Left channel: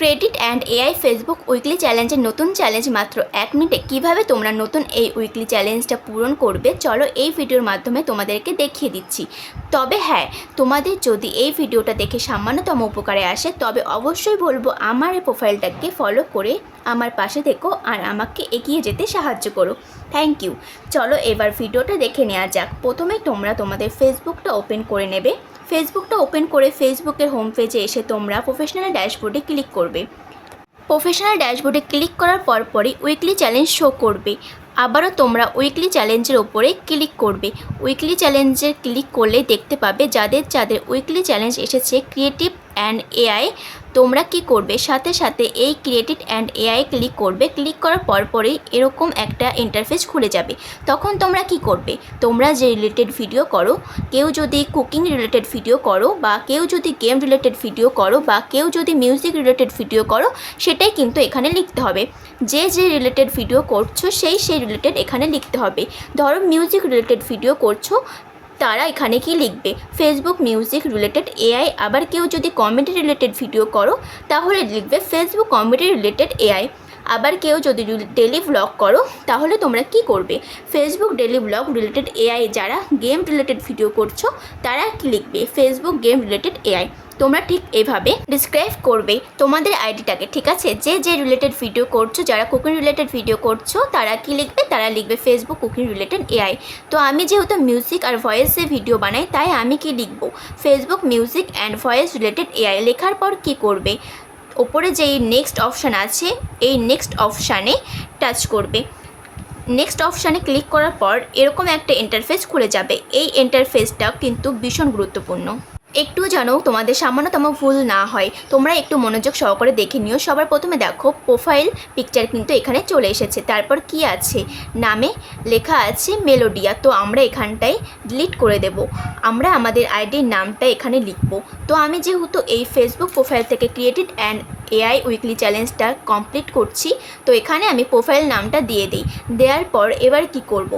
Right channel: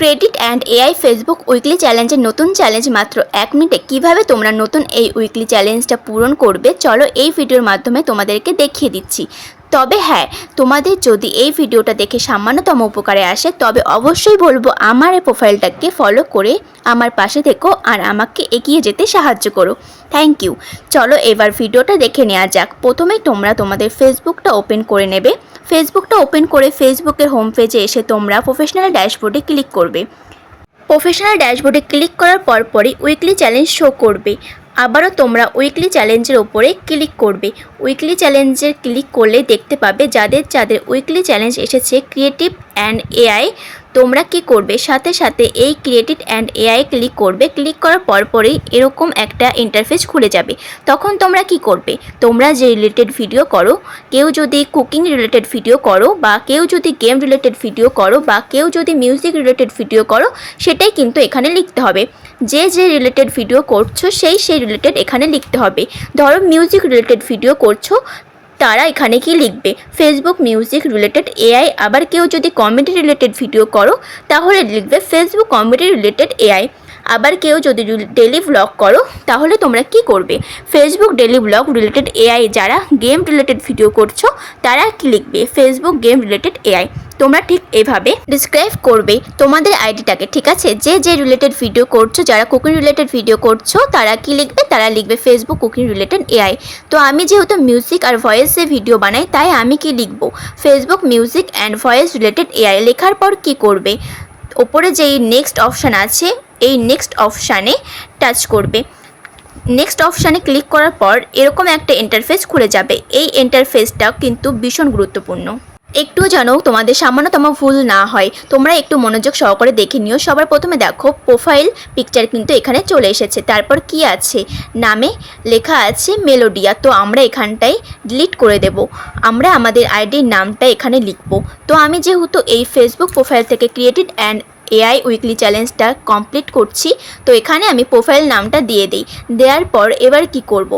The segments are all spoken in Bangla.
Credit and AI Facebook weekly চ্যালেঞ্জের নতুন চ্যালেঞ্জ মাত্র 1 মিনিটে কীভাবে তোমরা নতুন এই উইকলি চ্যালেঞ্জটা পূরণ করবে চলো এই ভিডিওর মাধ্যমে তোমাদেরকে দেখিয়ে দিচ্ছি। তবে হ্যাঁ, তোমাদের যদি এই ভিডিওটা দেখে সামান্যতম উপকারে আসে তবে অবশ্যই বলবো আমার এই প্রোফাইলটাকে ফলো করে আমার পাশে থেকো আর আমাকে এগিয়ে যেতে সাহায্য করো। Thank you. চলো এবার ভিডিওটা দেখে নেওয়া যাক। প্রথমেই তোমরা তোমাদের ফেসবুকটা ওপেন করে নেবে। ফেসবুকটা ওপেন করে ফেসবুকের হোম পেজে এসে তোমরা প্রফেশনাল ড্যাশবোর্ডে ক্লিক করবে। প্রফেশনাল ড্যাশবোর্ডে ক্লিক করার পরই উইকলি চ্যালেঞ্জ শো করবে। আবারও তোমরা উইকলি চ্যালেঞ্জের ওপরে ক্লিক করবে। উইকলি চ্যালেঞ্জে ক্লিক করলে দেখতে পাবে যাদের উইকলি চ্যালেঞ্জ এসেছে ক্রিয়েটিভ অ্যান্ড এআই, তোমরা কি করবে সাথে সাথে এই ক্রিয়েটিভ অ্যান্ড এআই ক্লিক করবে। ক্লিক করার পরই এরকম একটা ইন্টারফেস খুলে যাবে। তখন তোমরা কি করবে, তোমরা যে রিলেটেড ভিডিও করো, কেউ যদি কুকিং রিলেটেড ভিডিও করো বা কেউ যদি গেম রিলেটেড ভিডিও করো বা কেউ যদি মিউজিক রিলেটেড ভিডিও করো, সেটাই কিন্তু এখানে লিখতে হবে। যে রিলেটেড ভিডিও করছো সেই রিলেটেড এখানে লিখতে হবে। ধরো মিউজিক রিলেটেড ভিডিও করছো, তারা এখানে কি লিখবে, ফেসবুক মিউজিক রিলেটেড এআই। আবার কেউ যদি কমেডি রিলেটেড ভিডিও করো তাহলে লিখবে ফেসবুক কমেডি রিলেটেড এআই। আবার কেউ যদি ডেলি ব্লগ করো তাহলে তোমরা কি করবে, Facebook daily blog related AI. যারা গেম রিলেটেড ভিডিও করছো তারা কি লিখবে, ফেসবুক গেম রিলেটেড এআই। তোমরা ঠিক এভাবে ডিসক্রাইব করবে তোমাদের আইডিটাকে, ঠিক আছে। যে রিলেটেড ভিডিও করছো, যারা কুকিং রিলেটেড ভিডিও করছো তারা কি লিখবে, তারা লিখবে ফেসবুক কুকিং রিলেটেড এআই। তো আমি যেহেতু মিউজিক আর ভয়েসে ভিডিও বানাই তাই আমি কি লিখব, Facebook music and voice related AI. লেখার পর কি করবে, ওপরে যেই নেক্সট অপশান আছে এই নেক্সট অপশানে টাচ করবে। নেক্সট অপশানে ক্লিক করার পর এরকম একটা ইন্টারফেস খুলে যাবে। এই ইন্টারফেসটা কিন্তু ভীষণ গুরুত্বপূর্ণ, একটু যেন তোমাদের সামান্যতম ভুল না হয়। তোমরা একটু মনোযোগ সহকারে দেখে নিও। সবার প্রথমে দেখো প্রোফাইল পিকচার কিন্তু এখানে চলে এসেছে। তারপর কি আছে, নামে লেখা আছে মেলোডিয়া। তো আমরা এখানটায় ডিলিট করে দেব, আমরা আমাদের আইডির নামটা এখানে লিখব। তো আমি যেহেতু এই ফেসবুক প্রোফাইল থেকে ক্রিয়েটিভ অ্যান্ড এআই উইকলি চ্যালেঞ্জটা কমপ্লিট করছি, তো এখানে আমি প্রোফাইল নামটা দিয়ে দিই। দেওয়ার পর এবার কি করব,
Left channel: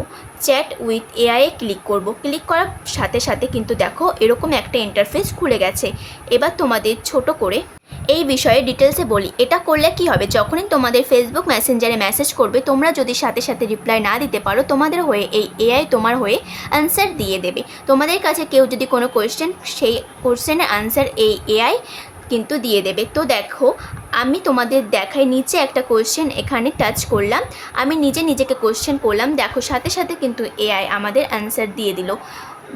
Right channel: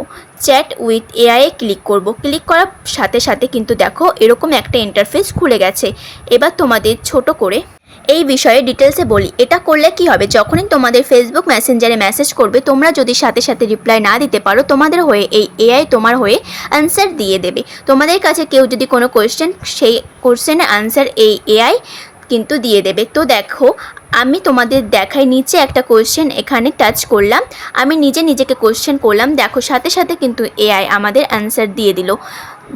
চ্যাট উইথ এআইয়ে ক্লিক করব। ক্লিক করার সাথে সাথে কিন্তু দেখো এরকম একটা ইন্টারফেস খুলে গেছে। এবার তোমাদের ছোট করে এই বিষয়ে ডিটেলসে বলি। এটা করলে কি হবে, যখনই তোমাদের ফেসবুক মেসেঞ্জারে মেসেজ করবে, তোমরা যদি সাথে সাথে রিপ্লাই না দিতে পারো, তোমাদের হয়ে এই এআই তোমার হয়ে অ্যান্সার দিয়ে দেবে। তোমাদের কাছে কেউ যদি কোনো কোয়েশ্চেন, সেই কোয়েশ্চেনের অ্যান্সার এই এআই কিন্তু দিয়ে দেবে। তো দেখো আমি তোমাদের দেখাই, নিচে একটা কোয়েশ্চেন এখানে টাচ করলাম, আমি নিজেকে কোয়েশ্চেন করলাম, দেখো সাথে সাথে কিন্তু এআই আমাদের অ্যান্সার দিয়ে দিল।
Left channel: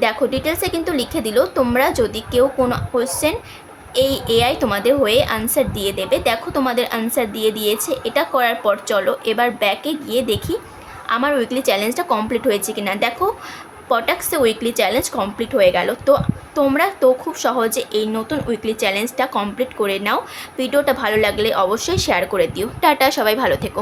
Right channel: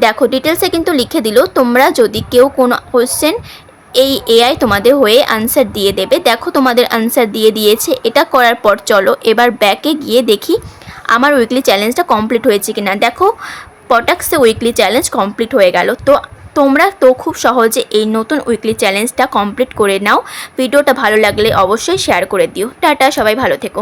দেখো ডিটেলসে কিন্তু লিখে দিল। তোমরা যদি কেউ কোনো কোয়েশ্চেন, এই এআই তোমাদের হয়ে আনসার দিয়ে দেবে। দেখো তোমাদের আনসার দিয়ে দিয়েছে। এটা করার পর চলো এবার ব্যাকে গিয়ে দেখি আমার উইকলি চ্যালেঞ্জটা কমপ্লিট হয়েছে কিনা। দেখো পটাক্সে উইকলি চ্যালেঞ্জ কমপ্লিট হয়ে গেল। তো তোমরা তো খুব সহজে এই নতুন উইকলি চ্যালেঞ্জটা কমপ্লিট করে নাও। ভিডিওটা ভালো লাগলে অবশ্যই শেয়ার করে দিও। টাটা, সবাই ভালো থেকো।